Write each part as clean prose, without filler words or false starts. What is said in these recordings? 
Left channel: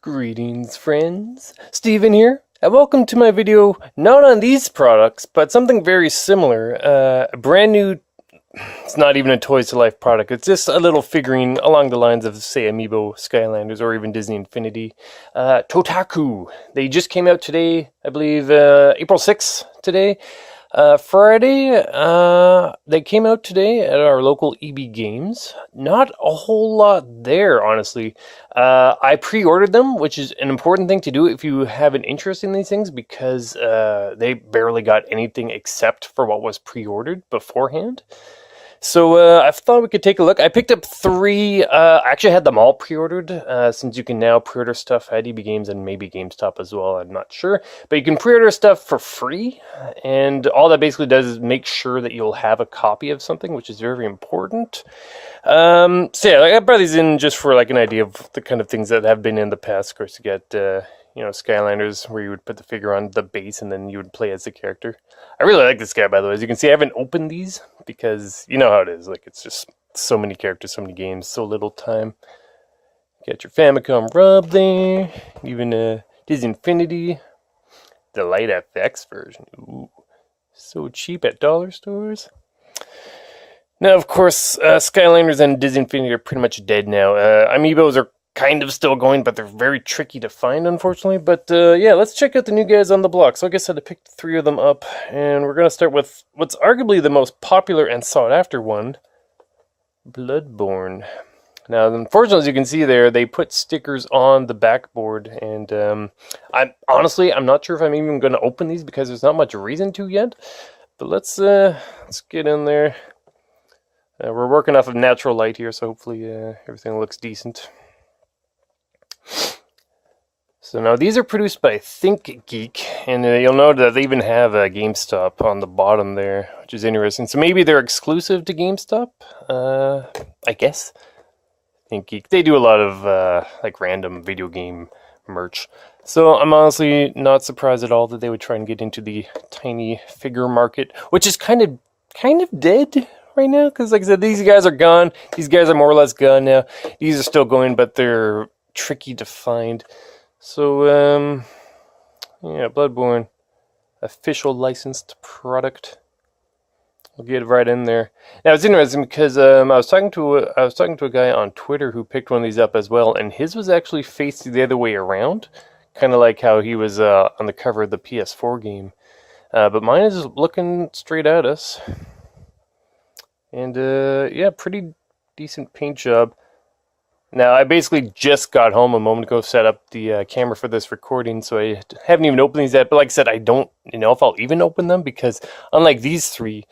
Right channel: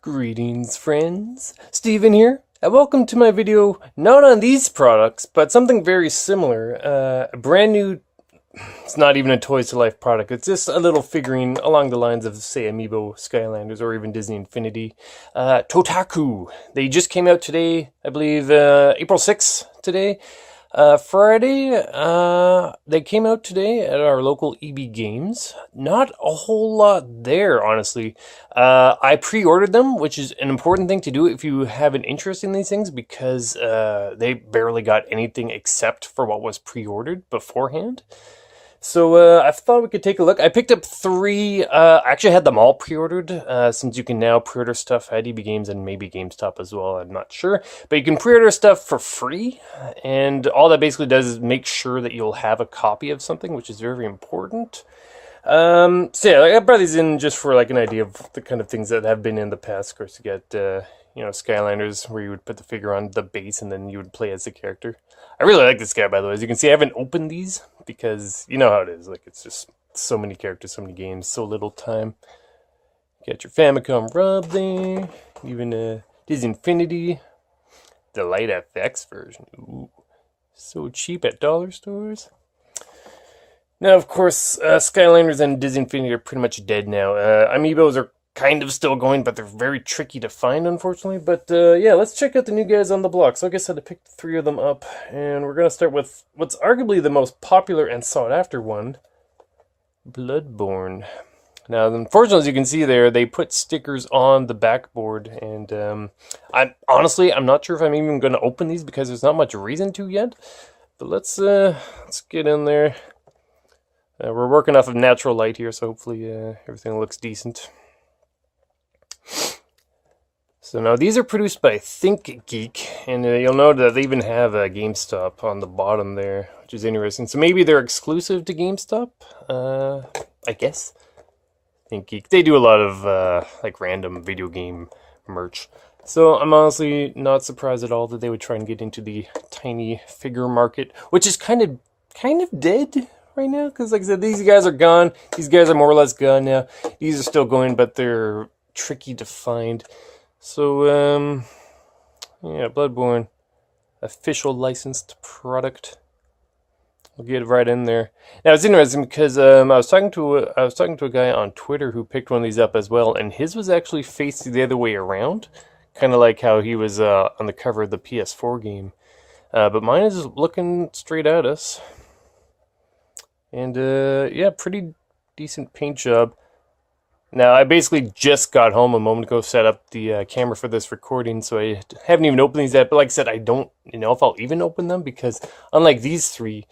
Greetings, friends. Steven here, and welcome to my video, not on these products, but something very similar. A brand new, it's not even a Toys to Life product, it's just a little figurine along the lines of, say, amiibo, Skylanders, or even Disney Infinity. TOTAKU. They just came out today, I believe, April 6th today. Friday, they came out today at our local EB Games. Not a whole lot there, honestly. I pre-ordered them, which is an important thing to do if you have an interest in these things, because they barely got anything except for what was pre-ordered beforehand. So I thought we could take a look. I picked up three. I actually had them all pre-ordered, since you can now pre-order stuff at EB Games and maybe GameStop as well. I'm not sure. But you can pre-order stuff for free. And all that basically does is make sure that you'll have a copy of something, which is very important. So yeah, I brought these in just for like an idea of the kind of things that have been in the past. Of course, you get, Skylanders, where you would put the figure on the base and then you would play as the character. I really like this guy, by the way. As you can see, I haven't opened these because you know how it is. Like, it's just so many characters, so many games, so little time. You got your Famicom Rub there. Even Disney Infinity. The Light FX version. Ooh, so cheap at dollar stores. Now, of course, Skylanders and Disney Infinity are pretty much dead now. Amiibos are kind of still going, but they're very tricky to find, unfortunately. But yeah, let's check out the new guys on the block. So like I said, I picked three of them up, and we're going to start with what's arguably the most popular and sought-after one, Bloodborne. Now, unfortunately, as you can see there, they put stickers on the backboard, and I'm not sure if I'm even going to open these because there's not much reason to yet. But let's get in there. We're working off of natural light here, so hopefully everything looks decent. So now these are produced by ThinkGeek, and you'll note that they even have a GameStop on the bottom there, which is interesting. So maybe they're exclusive to GameStop, I guess. ThinkGeek, they do a lot of like random video game merch. So I'm honestly not surprised at all that they would try and get into the tiny figure market, which is kind of dead right now, because like I said, these guys are gone. These guys are more or less gone now. These are still going, but they're tricky to find. So, yeah, Bloodborne, official licensed product. We'll get right in there. Now it's interesting because I was talking to a guy on Twitter who picked one of these up as well, and his was actually faced the other way around, kind of like how he was on the cover of the PS4 game. But mine is looking straight at us, and yeah, pretty decent paint job. Now, I basically just got home a moment ago, set up the camera for this recording, so I haven't even opened these yet. But like I said, I don't know if I'll even open them, because unlike these three,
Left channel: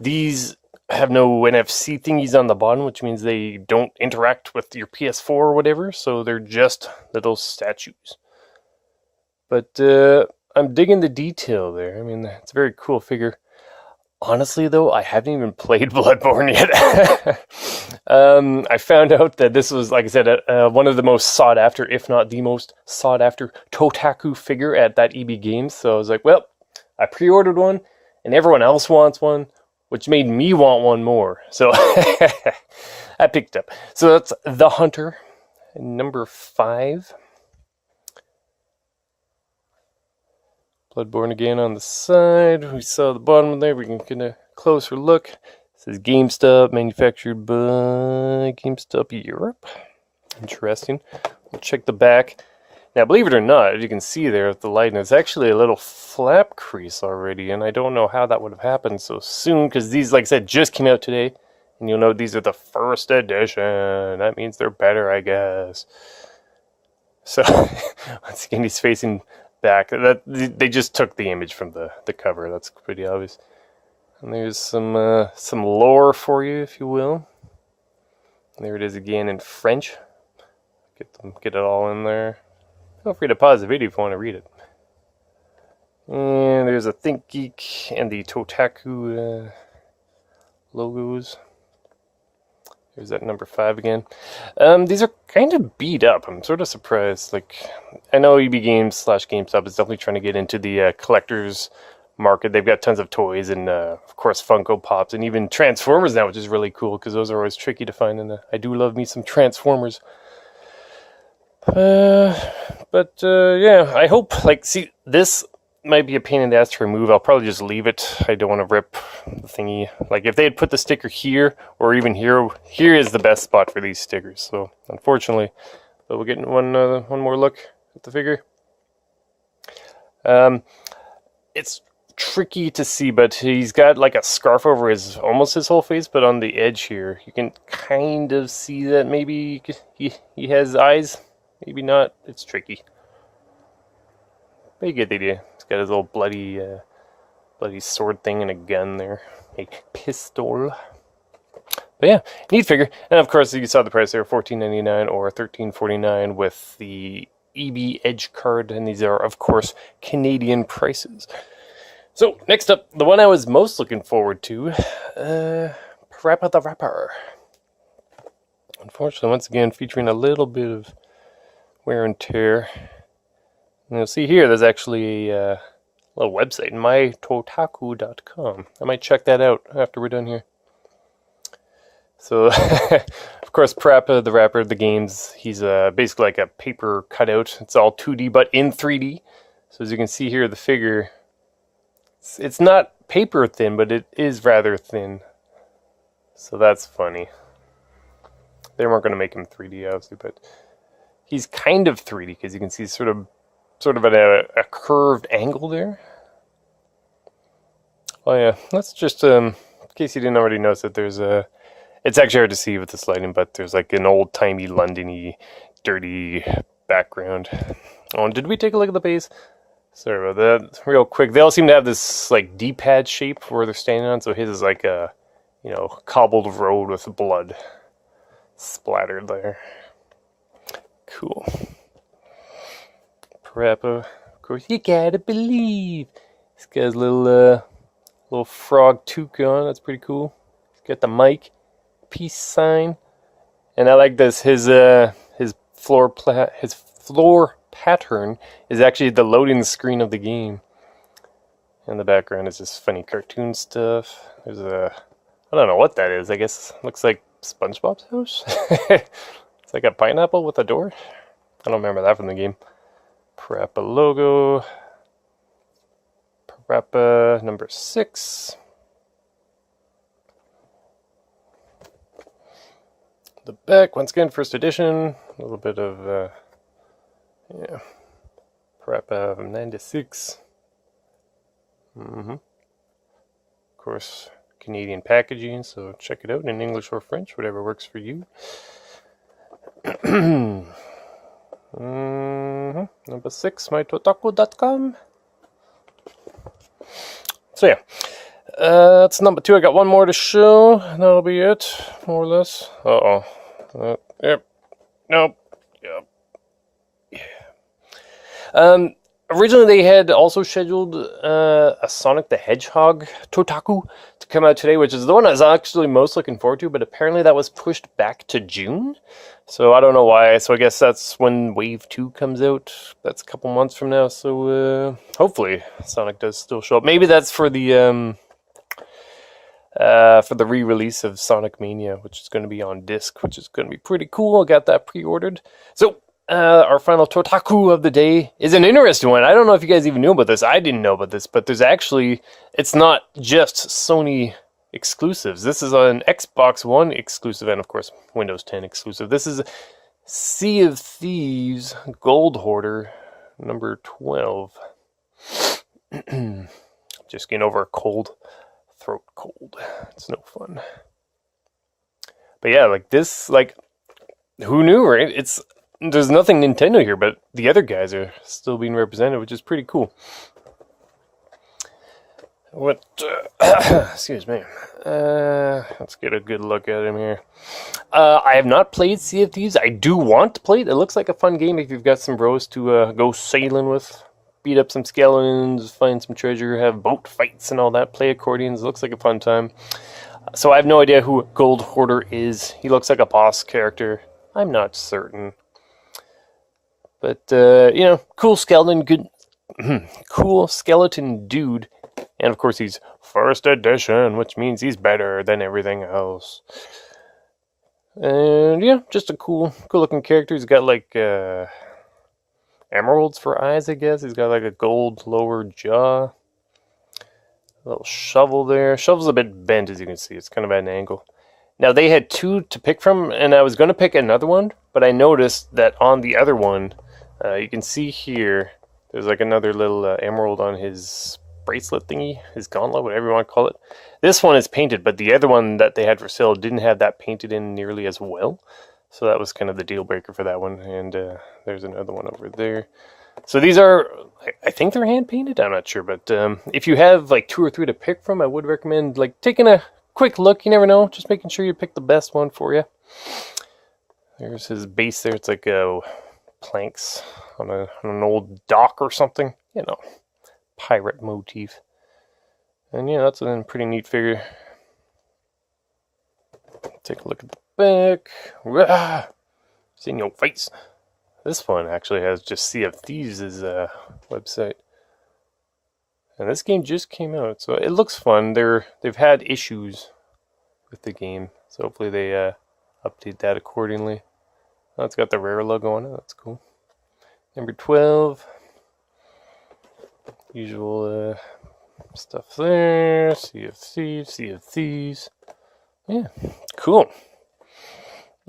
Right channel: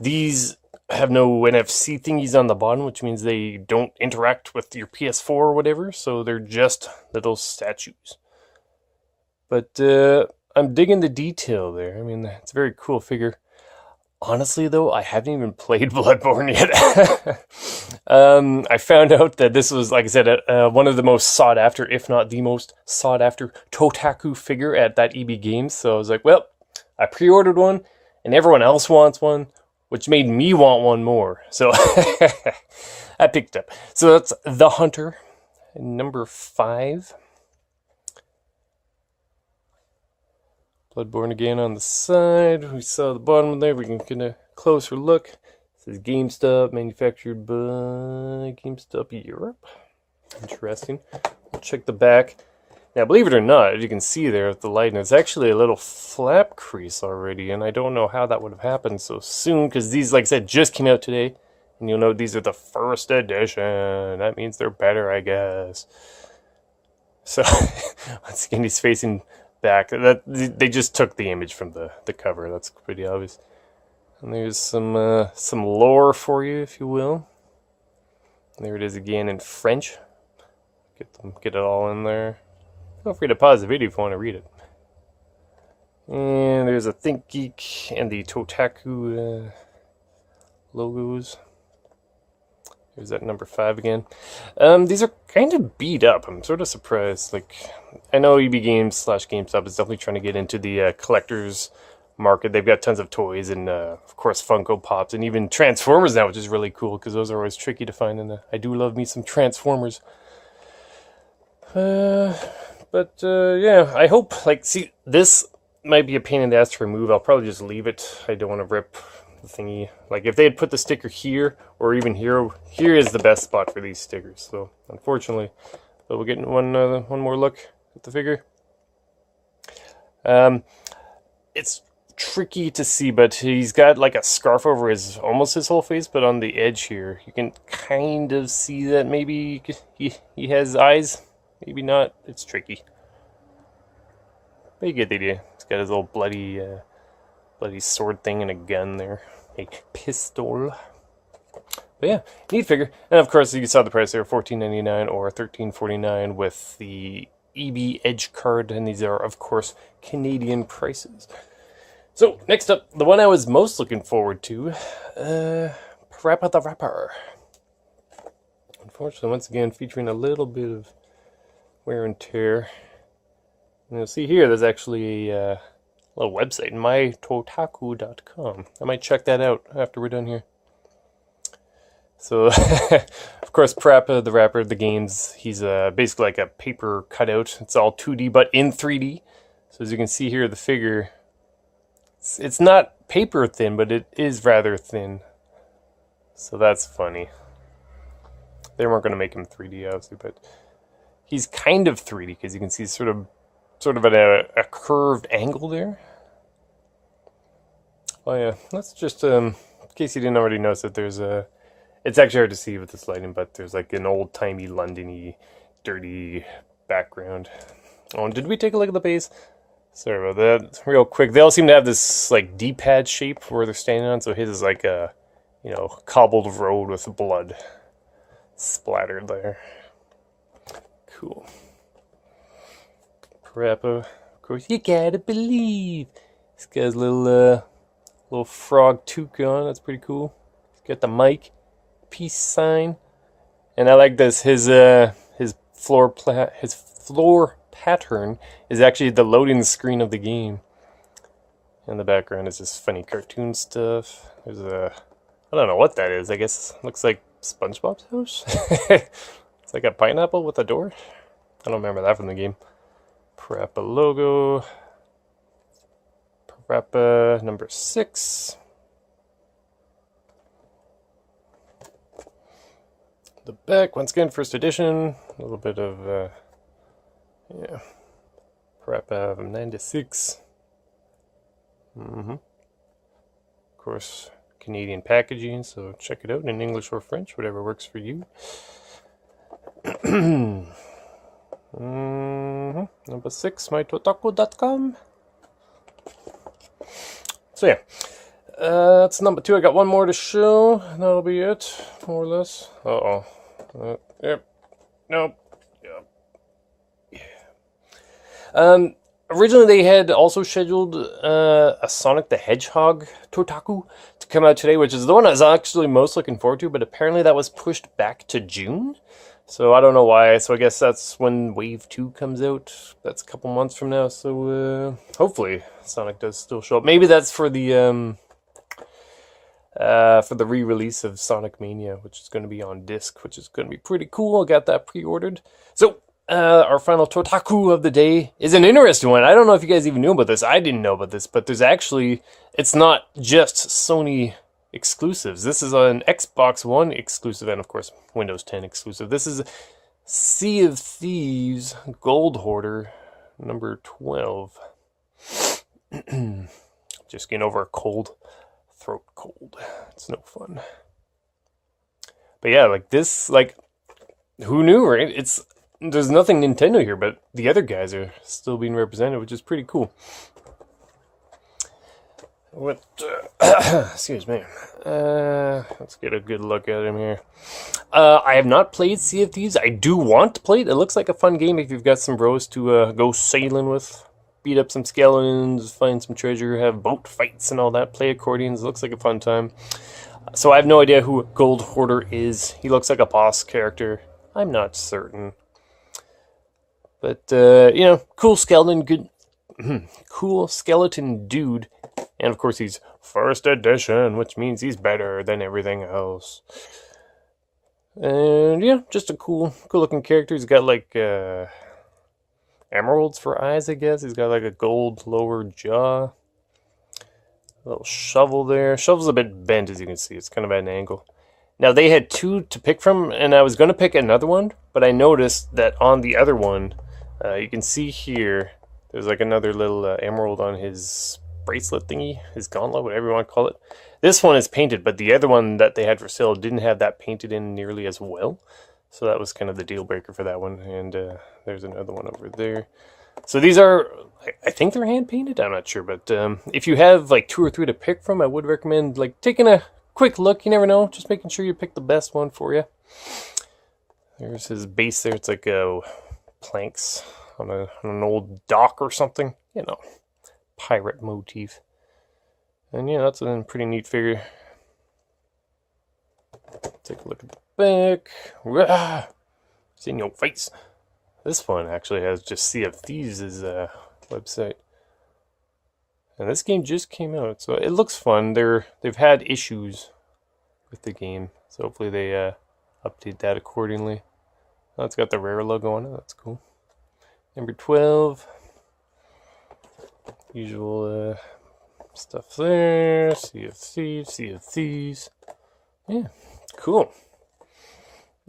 these have no NFC thingies on the bottom, which means they don't interact with your PS4 or whatever, so they're just little statues. But I'm digging the detail there. I mean, it's a very cool figure. Honestly, though, I haven't even played Bloodborne yet. I found out that this was, like I said, one of the most sought-after, if not the most sought-after, Totaku figure at that EB Games. So I was like, well, I pre-ordered one, and everyone else wants one, which made me want one more. So I picked up. So that's The Hunter, number 5. Bloodborne again on the side. We saw the bottom there. We can get a closer look. It says GameStop, manufactured by GameStop Europe. Interesting. We'll check the back. Now, believe it or not, as you can see there with the light, it's actually a little flap crease already, and I don't know how that would have happened so soon, because these, like I said, just came out today, and you'll note these are the first edition. That means they're better, I guess. So, once again, he's facing back. They just took the image from the cover. That's pretty obvious. And there's some lore for you, if you will. There it is again in French. Get it all in there. Feel free to pause the video if you want to read it. And there's a ThinkGeek and the Totaku logos. There's that number 5 again. These are kind of beat up. I'm sort of surprised. Like, I know EB Games / GameStop is definitely trying to get into the collector's market. They've got tons of toys and, of course, Funko Pops and even Transformers now, which is really cool because those are always tricky to find. And I do love me some Transformers. Yeah, I hope, like, see, this might be a pain in the ass to remove. I'll probably just leave it. I don't want to rip the thingy. Like, if they had put the sticker here, or even here, here is the best spot for these stickers. So, unfortunately, but we're getting one more look at the figure. It's tricky to see, but he's got like a scarf over his almost his whole face, but on the edge here you can kind of see that maybe he has eyes, maybe not. It's tricky, but you get the idea. He's got his little bloody sword thing and a gun there, a pistol. But yeah, neat figure. And of course you saw the price there, $14.99 or $13.49 with the EB Edge card, and these are of course Canadian prices. So, next up, the one I was most looking forward to, Parappa the Rapper. Unfortunately, once again, featuring a little bit of wear and tear. And you'll see here, there's actually a little website, mytotaku.com. I might check that out after we're done here. So, of course, Parappa the Rapper, the games, he's basically like a paper cutout. It's all 2D, but in 3D. So as you can see here, the figure... It's not paper thin, but it is rather thin. So that's funny. They weren't going to make him 3D, obviously, but he's kind of 3D because you can see sort of at a curved angle there. Oh yeah, that's just in case you didn't already notice that there's a. It's actually hard to see with this lighting, but there's like an old-timey London-y, dirty background. Oh, and did we take a look at the base? Sorry about that. Real quick, they all seem to have this like D-pad shape where they're standing on. So his is like a, cobbled road with blood splattered there. Cool. Parappa, of course, you gotta believe. This guy's little frog toque on. That's pretty cool. He's got the mic, peace sign, and I like this. His floor pattern is actually the loading screen of the game. In the background is this funny cartoon stuff. There's I don't know what that is. I guess it looks like SpongeBob's house. It's like a pineapple with a door. I don't remember that from the game. Parappa logo. Parappa number 6. The back, once again, first edition. A little bit of yeah, Parappa 96. Of course, Canadian packaging, so check it out in English or French, whatever works for you. Number 6, mytotaku.com. So yeah, that's number 2. I got one more to show. That'll be it, more or less. Yep. Nope. Yep. Originally, they had also scheduled a Sonic the Hedgehog TOTAKU to come out today, which is the one I was actually most looking forward to, but apparently that was pushed back to June. So I don't know why. So I guess that's when Wave 2 comes out. That's a couple months from now. So hopefully Sonic does still show up. Maybe that's for the re-release of Sonic Mania, which is going to be on disc, which is going to be pretty cool. I got that pre-ordered. So our final Totaku of the day is an interesting one. I don't know if you guys even knew about this. I didn't know about this, but there's actually, it's not just Sony exclusives. This is an Xbox One exclusive and, of course, Windows 10 exclusive. This is Sea of Thieves Gold Hoarder number 12. Just getting over a throat cold. It's no fun. But yeah, like this, like, who knew, right? There's nothing Nintendo here, but the other guys are still being represented, which is pretty cool. Excuse me. Let's get a good look at him here. I have not played Sea of Thieves. I do want to play it. It looks like a fun game if you've got some bros to go sailing with. Beat up some skeletons, find some treasure, have boat fights and all that. Play accordions. It looks like a fun time. So I have no idea who Gold Hoarder is. He looks like a boss character. I'm not certain. But, cool skeleton, cool skeleton dude. And, of course, he's first edition, which means he's better than everything else. And yeah, just a cool looking character. He's got like emeralds for eyes, I guess. He's got like a gold lower jaw. A little shovel there. Shovel's a bit bent, as you can see. It's kind of at an angle. Now, they had two to pick from, and I was going to pick another one, but I noticed that on the other one, you can see here, there's like another little emerald on his bracelet thingy, his gauntlet, whatever you want to call it. This one is painted, but the other one that they had for sale didn't have that painted in nearly as well. So that was kind of the deal breaker for that one. And there's another one over there. So these are, I think they're hand painted. I'm not sure, but if you have like 2 or 3 to pick from, I would recommend like taking a quick look. You never know, just making sure you pick the best one for you. There's his base there. It's like planks on an old dock or something. You know, pirate motif. And yeah, that's a pretty neat figure. Take a look at the back. Rah! It's in your face. This one actually has just Sea of Thieves' website. And this game just came out, so it looks fun. They've had issues with the game, so hopefully they update that accordingly. Oh, it's got the Rare logo on it. That's cool. Number 12. Usual stuff there. Sea of Thieves, Sea of Thieves. Yeah, cool.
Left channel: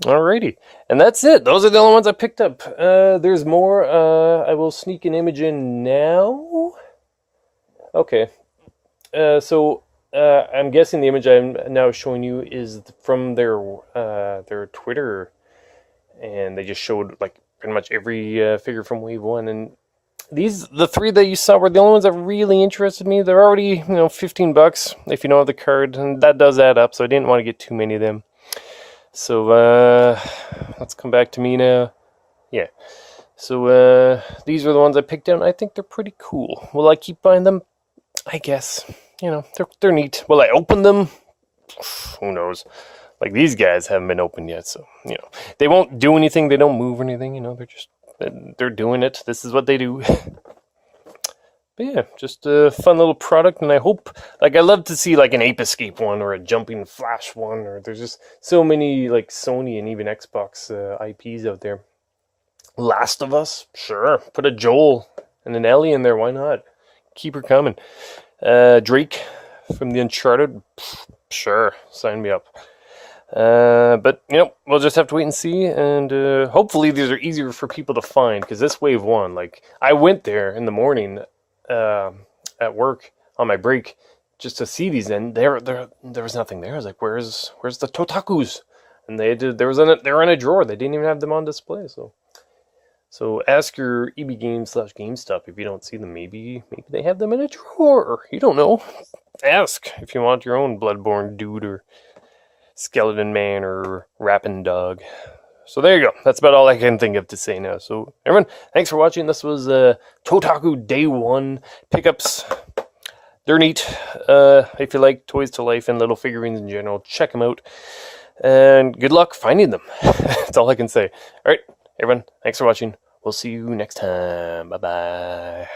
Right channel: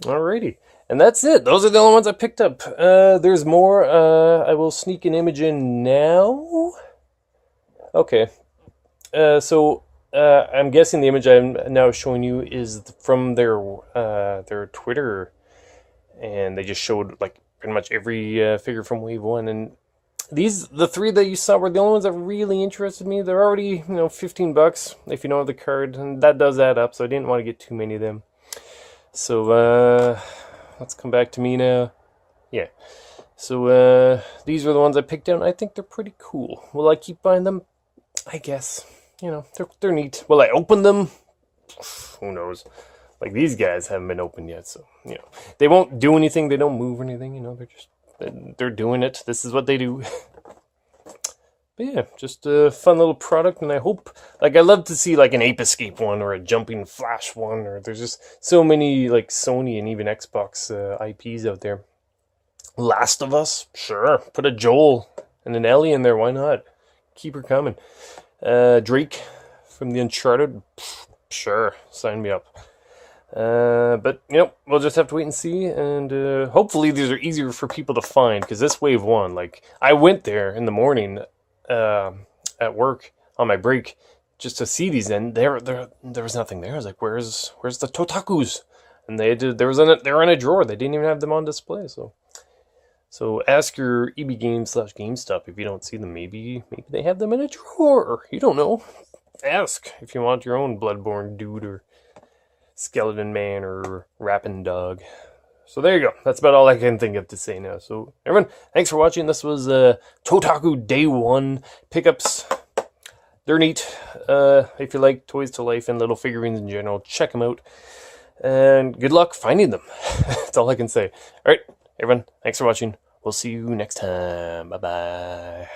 Alrighty, and that's it. Those are the only ones I picked up. There's more. I will sneak an image in now. Okay. I'm guessing the image I'm now showing you is from their Twitter, and they just showed like pretty much every figure from Wave 1. And the 3 that you saw were the only ones that really interested me. They're already, $15 if you know the card, and that does add up. So I didn't want to get too many of them. So let's come back to me now. Yeah. So these are the ones I picked out, and I think they're pretty cool. Will I keep buying them? I guess. They're neat. Will I open them? Who knows? Like, these guys haven't been opened yet, so, they won't do anything. They don't move or anything, they're doing it. This is what they do. But yeah, just a fun little product, and I hope, I love to see, an Ape Escape one, or a Jumping Flash one, or there's just so many, Sony and even Xbox IPs out there. Last of Us? Sure. Put a Joel and an Ellie in there, why not? Keep her coming. Drake from the Uncharted? Sure, sign me up. But, we'll just have to wait and see, and hopefully these are easier for people to find, because this Wave 1, I went there in the morning at work on my break just to see these, and there was nothing there. I was like, where's the Totakus? And they're in a drawer. They didn't even have them on display, so ask your EB Games / GameStop if you don't see them. Maybe they have them in a drawer. You don't know. Ask if you want your own Bloodborne dude or Skeleton Man or Rapping Dog. So there you go. That's about all I can think of to say now. So everyone, thanks for watching. This was Totaku Day 1 pickups. They're neat. If you like Toys to Life and little figurines in general, check them out. And good luck finding them. That's all I can say. All right, everyone, thanks for watching. We'll see you next time. Bye-bye.